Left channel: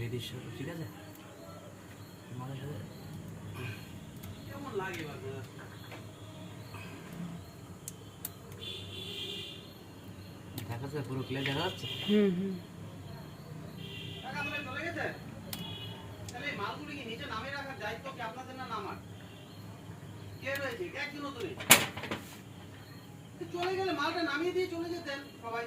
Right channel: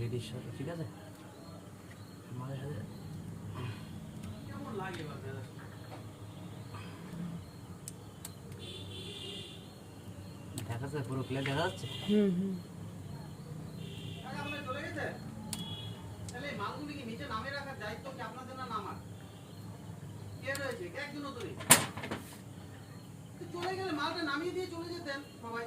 হৃদীশ্বর, ঠিক আছে? আমাদের সাথে কেমন লাগে দেখা যাচ্ছে, পুরো ক্লিয়ার দেখা যাচ্ছে। চলে গেছে। তাহলে মালগুলি কি নিচে নামে রাখার দায়িত্ব কি আপনাদের না নামার? কে রয়েছে? একদিনও তো নেই। চলে গেলে মালটা নামিয়ে দিয়ে চলে যেতেন সবাই।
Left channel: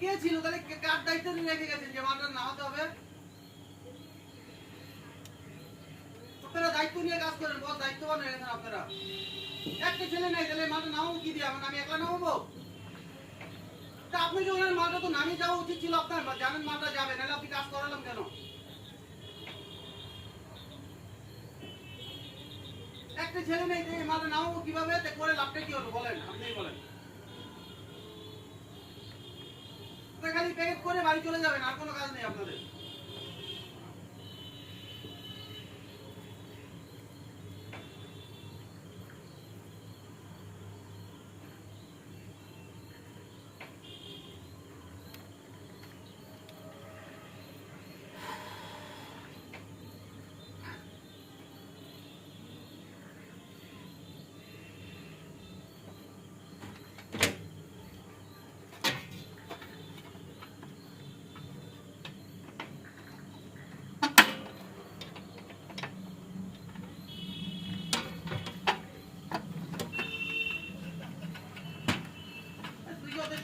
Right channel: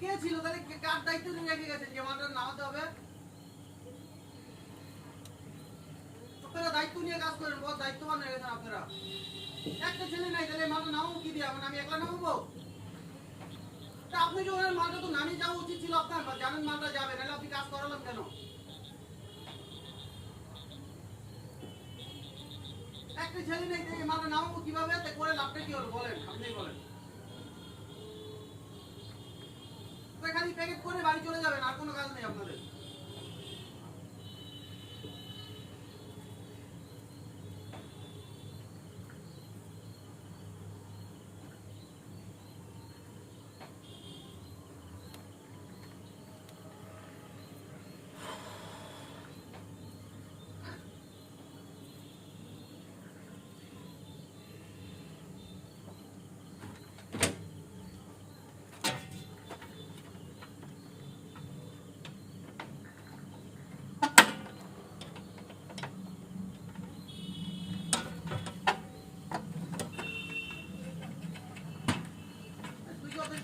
কে ছিল তাহলে? কার দায়িত্ব নিয়ে রেখে গেছেন যে মালটা নামাতে হবে? আপনারা দায়িত্ব নিয়ে কাজ করেন, বড় দায়িত্ববান হয়ে গেছেন আপনারা। একটা ছেলে নাই, তাহলে মালটা নামাবো কি দিয়ে? আমি একলা নামাবো? তা আপনি যখন মালটা তো নামিয়ে যাওয়া উচিত ছিল আপনার, জানেন মালটা যাবে, নাহলে আপনি কাজ করালাম কেন? একটা ছেলে নেই, মালটা নামাবো কিভাবে? করে লাভটা কি হলো বলেন, আপনি বলেন। খালি প্যাকেট করে বাড়ি চলে যাবেন, আর কোনো কাজ নেই আপনাদের।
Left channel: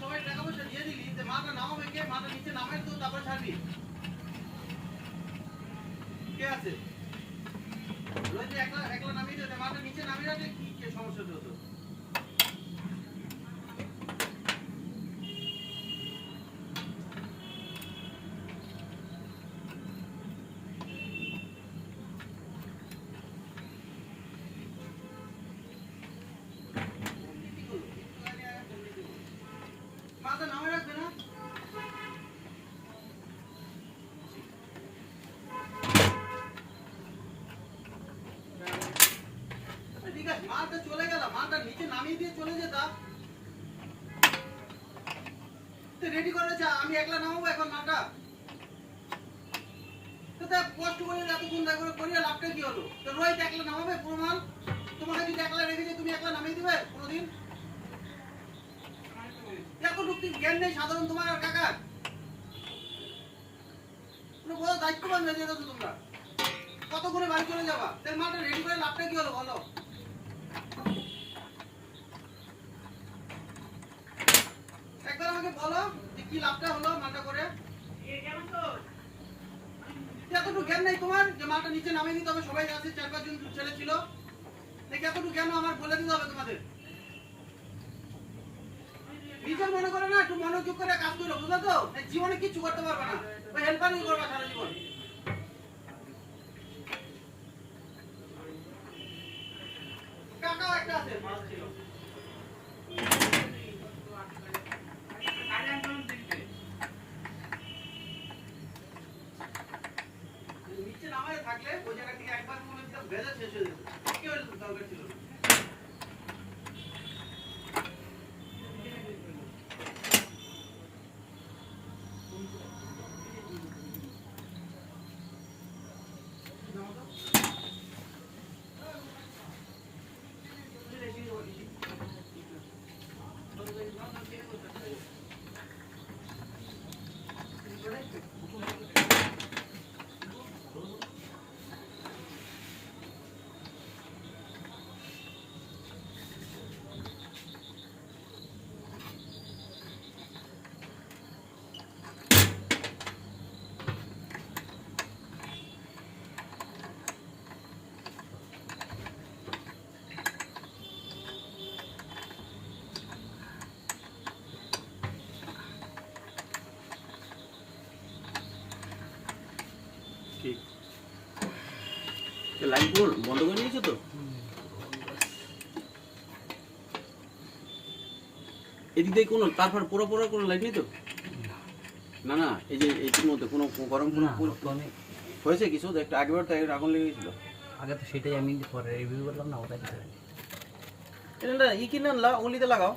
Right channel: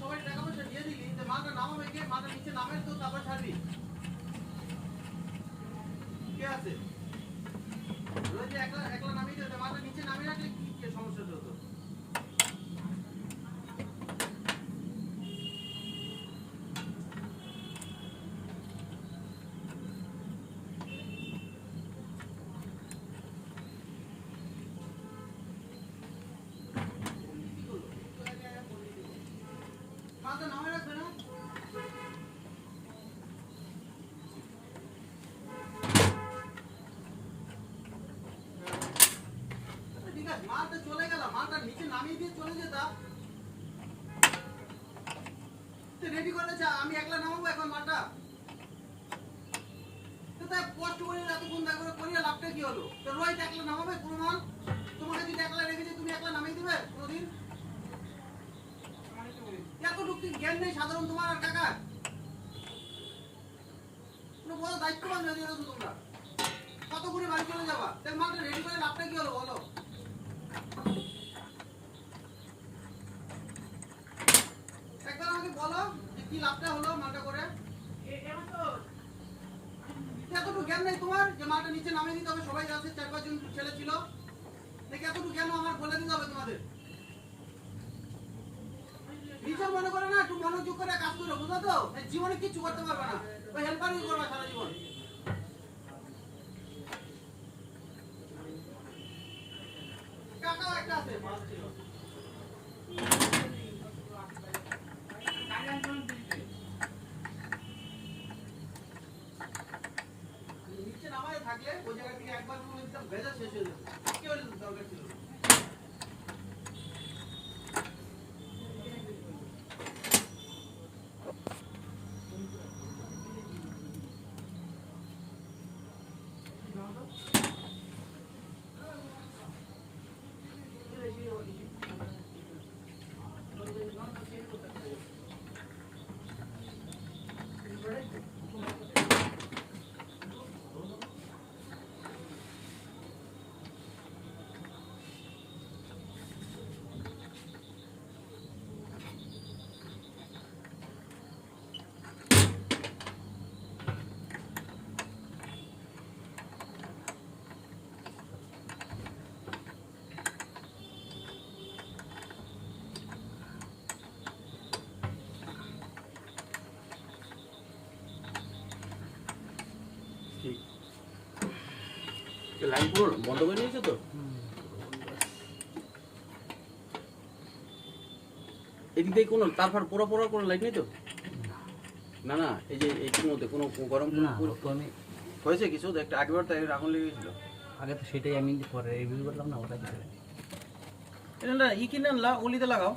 সবাই টাকা পয়সা দিয়ে দিলি, মালটা নামাবে কে? মালটা নিচে নামে তো তারপর ছাড়বি। কে আছে? রোজ একলা একলা নামিয়ে দিতে, মালটা নিচে নামিয়ে রাখলে কি সমস্যা হতো? মালটা নামিয়ে রাখবে না? ঠিক আছে, মালটা চলে গেল, মালটা নিচে নামিয়ে দিয়ে চলে যেতাম। রেডি করেছে, আমি একলা নামাবো এখন মালটা? কষ্ট করে এতক্ষণ দেখা করিয়া লাভটা কি হলো? তো রোহিত একলা নামাবে পুরো মাল? তোমাকে যদি একলা রেখে তুমি একলা নামিয়ে দিবে কোনোদিন? এতটুকু জ্ঞান নেই সাধারণ তোমার আর কাকার? পুরো বড় দায়িত্ববান হয়ে যাবে তো তোমরা। কত করে বাড়ি চলে যাবা? তাই মালটা রেডি করে লাভটা কি হলো বলো? একবার আমাকে বলো যে কি লাভটা হলো মালটা করে। এতটুকু জ্ঞান নেই তোমার যে মালটা নিচে নামিয়ে নিতে হবে? সবাই আছে, 4-5 জন ছেলে ছিল, এতটুকু জ্ঞান আমার বলে দিতে হবে তোমাদের। নিজের মনে করে না, একটু মনোযোগ করে কাজ করো, বুঝলো তো? জীবনে কিছু করতে পারবে না, ওই হেল্পারই করবা সারা জীবন। কাকা একটা আছে, মাছ ছিল। নিচে নামায় থাকলে ওই জায়গা থেকে একবার মনে হচ্ছে ভেজা শেষ হয়ে যাবে, কি হয়ে যেত দরকার ছিল। লাইন পুরো বন্ধ করে দিয়েছো তো? এদিক দিয়ে কোনো তারপর পুরো পুরো কোনো লাইট নেই তো? না না, এই যে এইটির মধ্যে কোনো গরম আমি হয়েছে কিছু? একটা আগেবার তাই আগুন লেগেছিল। আগে তো সেটাই আমি পরে রিভিউ করলাম না, ওটাই কিছু এটা ই কিনে আনলা, ওলিতে লাগাও।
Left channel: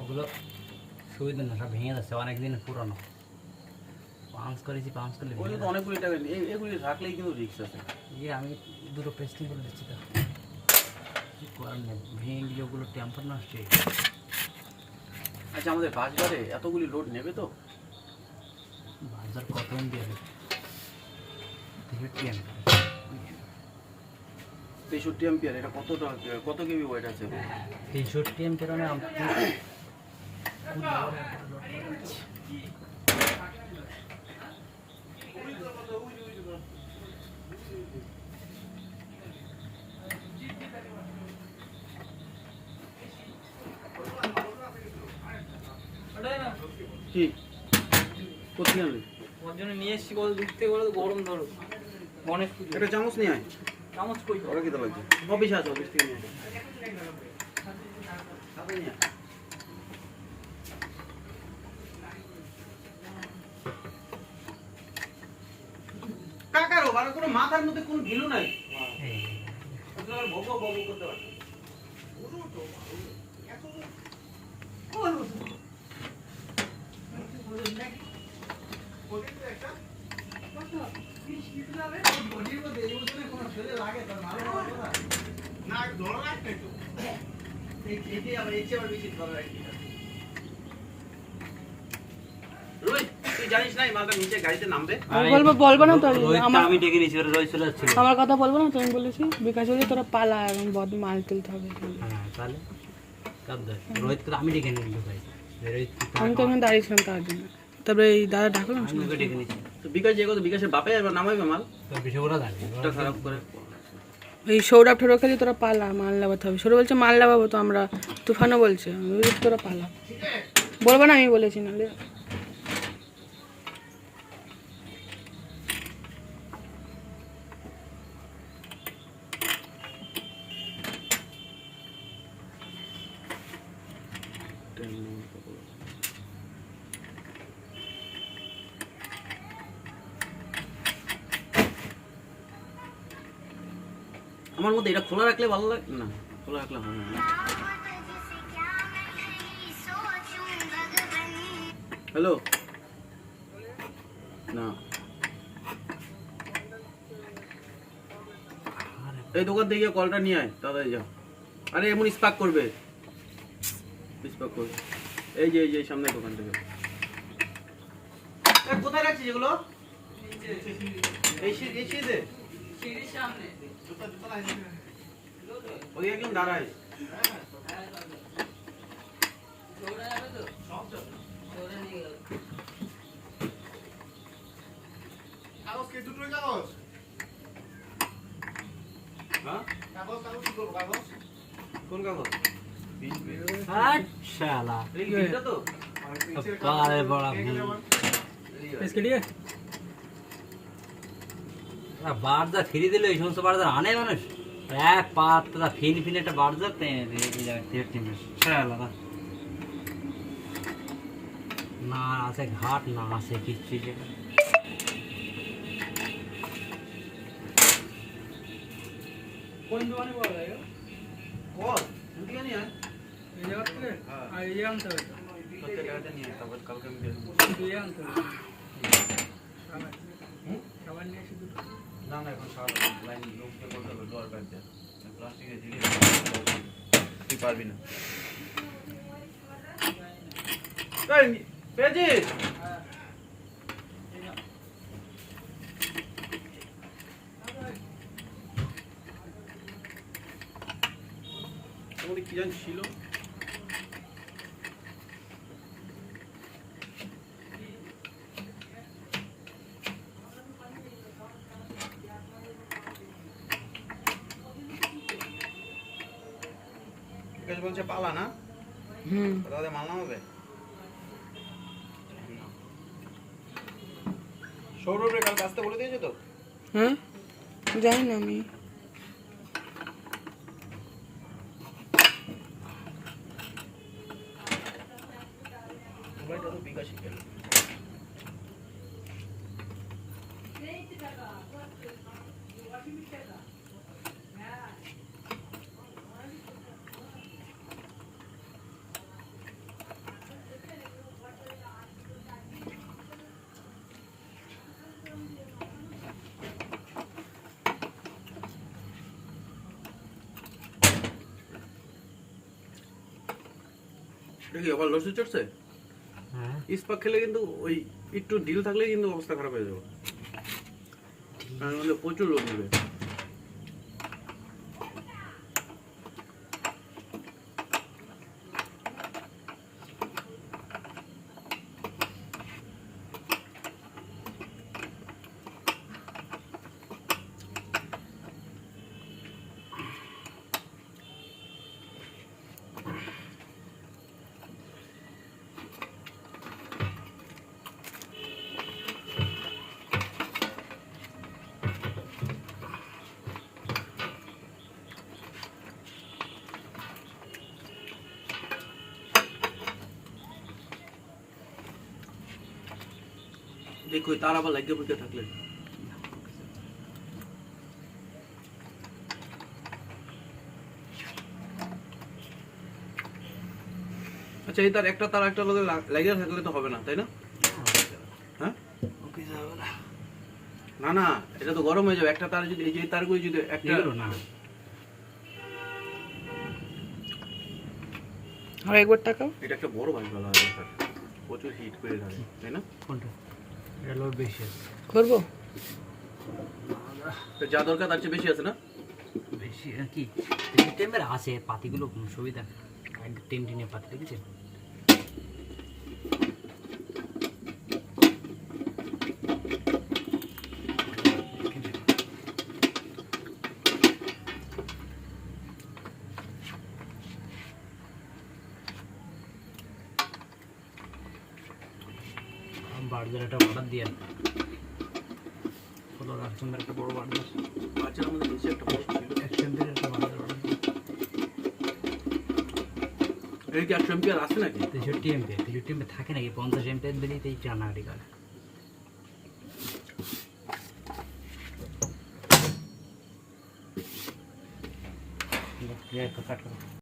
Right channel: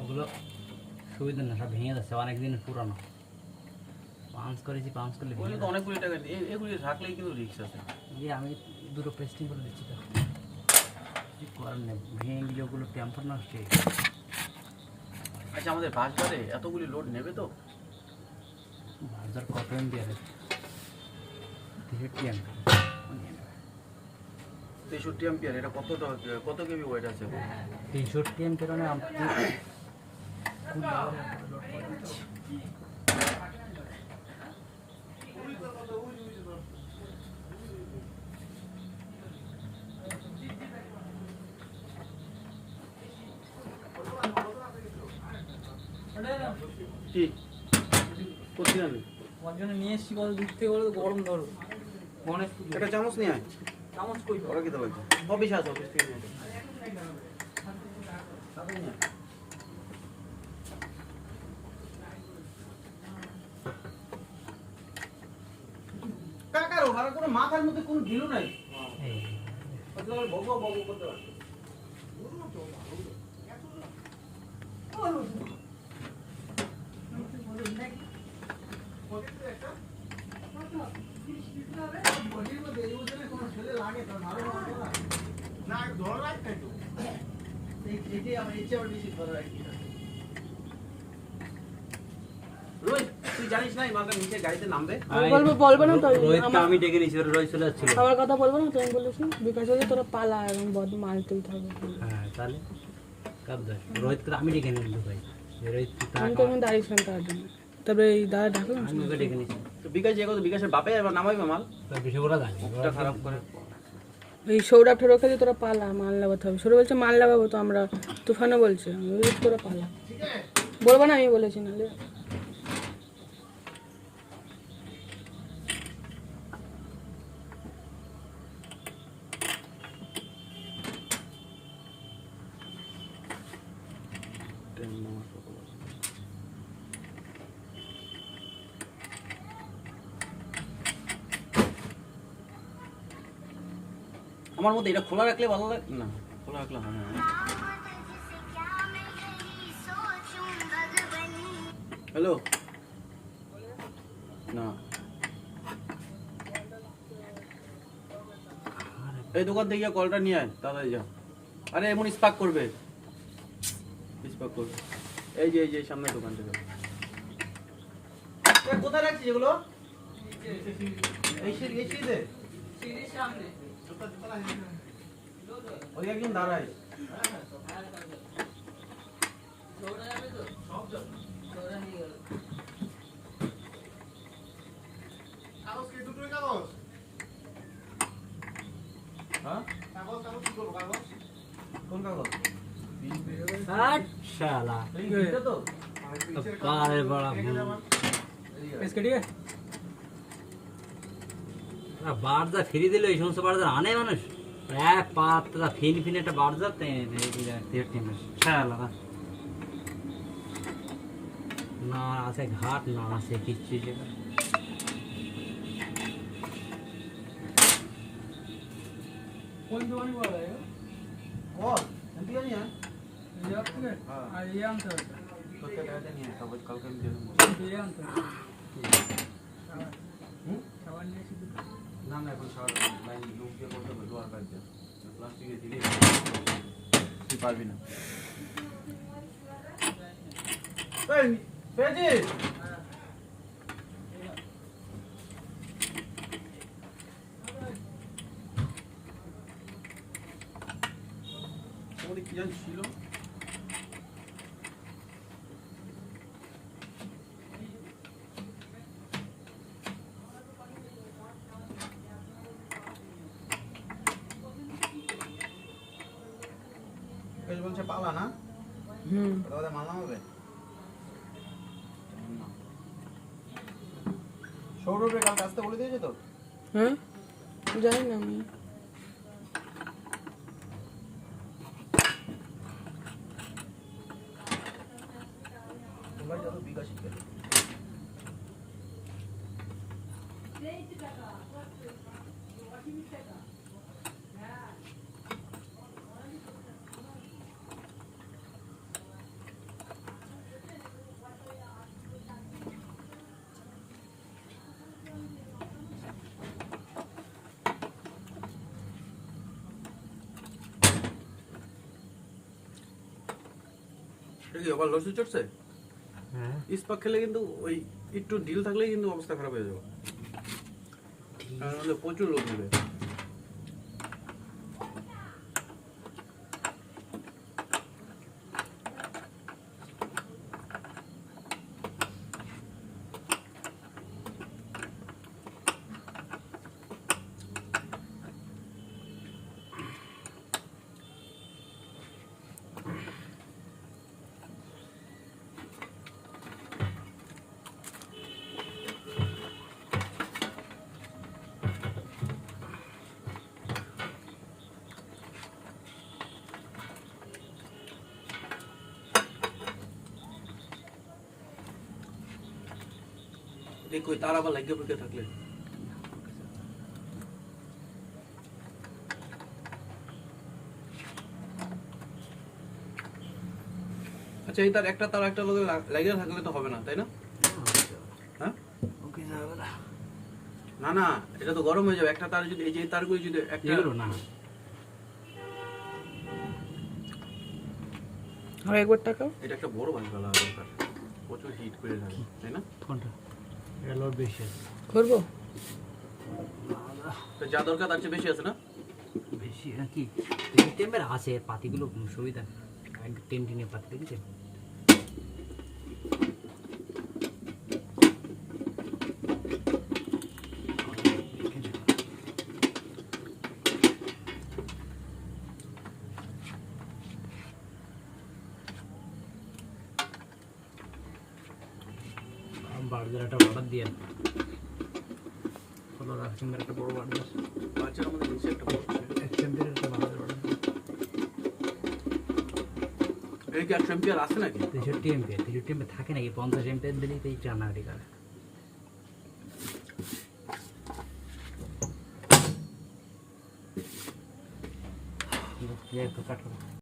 ওগুলো সুবিধা না, সব ভেঙে যাচ্ছে, অনেক দিন পুরানো। পাঞ্চ করেছি, পাঞ্চ করলে ওগুলো তো অনেকগুলি টাকা এগুলি রাখলেই কিন্তু রিস্ক আছে। ইয়ে আমি দুটো পেস্টিং করে দিচ্ছি তো, কি করার নেই, ভেঙে গেলে ওগুলো টেম্পার নষ্ট হয়ে গেছে। আচ্ছা আমাদের বাসবারে এতগুলি লোড নেবে তো? বাজার কত এমবি আছে? 63 এমবি। 63 অ্যাম্পিয়ার, এটা কত কেবি ওয়েট আছে? 63 এমবির মানে আপনি কোন লেভেলে লোড করে দিচ্ছি। কি কোথায় যাবে? ওর জন্য নিয়ে এসছি, কত দূর থেকে বলে গরম ধরো গণেশ পুজো। একটা চামচ নিয়ে আয়। চামচ কই ওরা কি দেবো? অফিসে আছে, অফিস থেকে নিয়ে আয়। চামচ নিয়ে আয়। কাকারও মানে কোনো মাথার মধ্যে কোনো ঢিলু নাই। এই ওগুলো আবার বকবক বকবক করতে পারছে। রোহিত, তুই জানিস না এই মালটা নিচে গাড়িতে নামবে? বলবো না তো রোহিতকে আমি ডেকে নিয়েছি, এবার রোহিত চলে যাচ্ছিল। আমার কথা বলবো না, তুমি বলেছি বিকাশ হলে তোরা পালা এবং বদ মাল তুলতে হবে। হ্যাঁ তাহলে কাজ দেখ, রোহিতকে আমি ডেকে নিয়ে ভাই, রোহিত আমি তো ওখানে দাঁড়িয়েছিলাম তার জন্য। তারপরে এই দাদা ডাকলাম, আমি ওকে ডেকে নিয়েছি। তো বিকাশ যে কত বিকাশের বাপে এবার নামাইবে মাল? তো বিষয় ওরা জানে, এটা খারাপ করে। এই সৌরভ ঠোরভ খালি তোরা পালা, মাল লাগাতে হবে। সৌরভ বলছে মাল লাগাবো তো আমরা, তুফানও বলছে আমি বলছি তোরা পালা। বলবো না আমি বলেছি, নাহলে আমার মধ্যে এটা খোলা রাখলে ভালো লাগে না, খোলা রাখলে হবে না। হ্যালো, না এই দোকান থেকে গিয়ে কলটা নিয়ে আয়, তাড়াতাড়ি যা। আরে এমন স্পার্ক করবে, স্পার্ক করবে। এই যে এই সামনে দোকান থেকে। কোথায় রাখছিস এগুলো? এই সিঁড়িতে? ওই একজন দাঁড়ায়। হ্যাঁ? কোন কাগজ? শালা এই বিলটা তো? পারে বড় বারদা ফিরে দিলে এই সমস্ত বারদা আনে মানুষ, এক পাত্রা ফিন ফিন একটা বারদা টেনে দিলে এই জায়গায় থেকে টেনে শালা না আছে ঘাট, না আছে কিচ্ছু জায়গা। কোন দোকানে বলা যায় বল, এদিকে নিয়ে আয়। এই জায়গা থেকে? হ্যাঁ। আর এই আনতে হবে, 70 টাকাতে নিয়ে আয়, তারপর কালকে আমি দিয়ে দেবো। দুই আনতে হবে। হুম? খাবার নিয়ে এসে দুটো। না না, এখন সারা লাইন লোক দিয়ে করতে হবে, লোয়ার কাটতে প্লাস্টিকের দিলে তুই পারবি না। এই পেয়েছিস? ওখানে কি জানি ছিল? বিকাশ বলছে পালা না, তাহলে মাল নামাবে। সৌরভের কাল আসতে বলে দিয়েছে তো? হ্যাঁ জানি না আমি। তোমরা যত বিকাশই গেল। এটা কি আবার লসে চড়ছে? হ্যাঁ ইস্পাক খেলে কিন্তু ওই একটু ঢিল থাকলে কিন্তু অবস্থা খারাপ হয়ে যাবে। নাহলে প্রচুর লোক নেবে। দেখো তার আবার লাগিয়ে ফুটে থাকলে আচ্ছা এই তার একটা লগে লাগিয়ে থাকলে তো হবে না তাই না? হ্যাঁ ওকে যাবে না না না এটা তো গরম হয়ে যাবে একটা তার যদি এই যে তারগুলো যদি একটা এগুলো না আর একবার টাকাও এটা একটা বড় বাল্ব লাগা দরকার প্রচুর হিট করে থাকে তাই না? কোনটা এটা লোড বেশি আছে করবো তো যা দরকার তার চেয়ে বেশি আছে না? বেশি কি টেম্পার আছে পাতিগুলো কোনো সুবিধা টেন টেনে পাতি দেখেছেন বার্জার একটা অর্ডার দিয়ে ফলো রাখছেন একটা বড় বার্জার বাচ্চার মধ্যে নিচে একটা বড় ছিল। এক্সটেন্ডের একটা বার্জার অর্ডার দিয়ে এই কি 8 এম্পিয়ার আছে নাকি? 63 এমপি 63 এমপি থাকে নাকি 50 এমপিয়ার দিলেই তো এই টানাগাড়ি করে কাট করো